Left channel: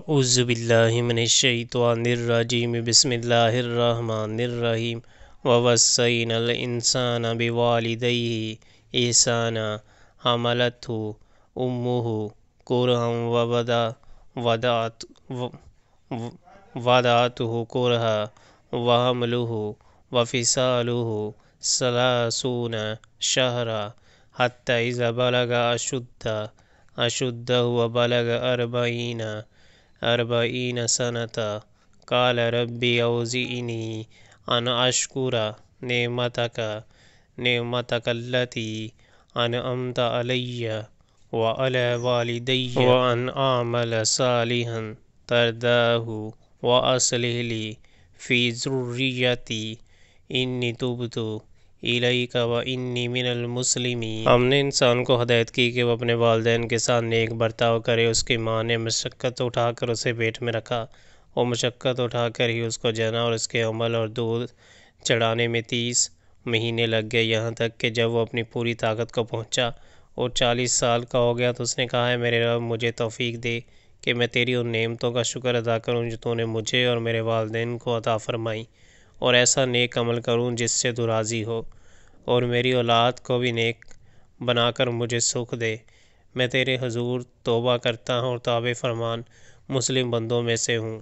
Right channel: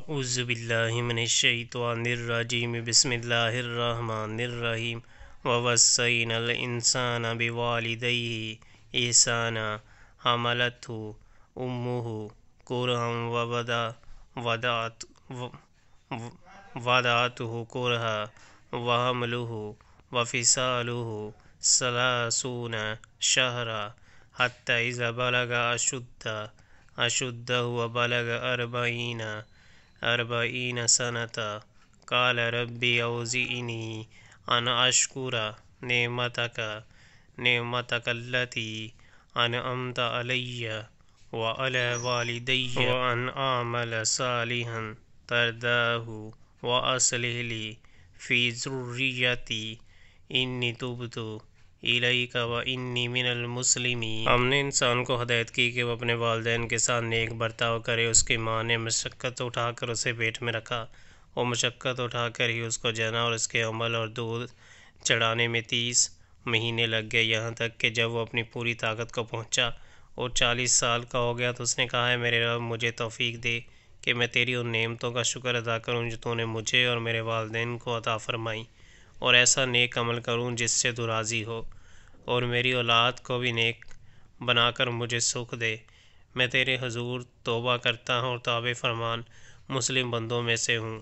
اعوذ باللہ من الشیطان الرجیم بسم اللہ الرحمن الرحیم ووصینا الانسان بوالدیہ احسانا حملتہ امہ کرہا ووضعتہ کرہا وحملہ وفصالہ ثلاثون شہرا حتی اذا بلغ أشده وبلغ أربعين سنة قال ربي أوزعني أن أشكر نعمتك التي أنعمت علي وعلى والدي وأن أعمل صالحا ترضاه وأصلح لي في ذريتي إني تبت الیک وانی من المسلمین۔ ہم نے انسان کو ہدایت کی کہ وہ اپنے والدین کے ساتھ نیک برتاؤ کرے۔ اس کی ماں نے مشقت اٹھا کر اسے پیٹ میں رکھا، وہ مشقت اٹھا کر ہی اس کو جنا، اور اس کے حمل اور دودھ چڑھانے میں 30 مہینے لگ گئے، یہاں تک کہ جب وہ اپنی پوری طاقت کو پہنچا اور 40 سال کا ہو گیا تو اس نے کہا ہے میرے رب مجھے توفیق دے کہ میں تیری ان نعمتوں کا شکر ادا کروں جو تو نے مجھے اور میرے والدین کو عطا فرمائی، اور ایسا نیک عمل کروں جس سے تو راضی ہو، اور میری اولاد کو بھی نیک بنا کر مجھے سکھ دے۔ میں تیرے حضور توبہ کرتا ہوں اور تابع فرمان مسلم بندوں میں سے ہوں۔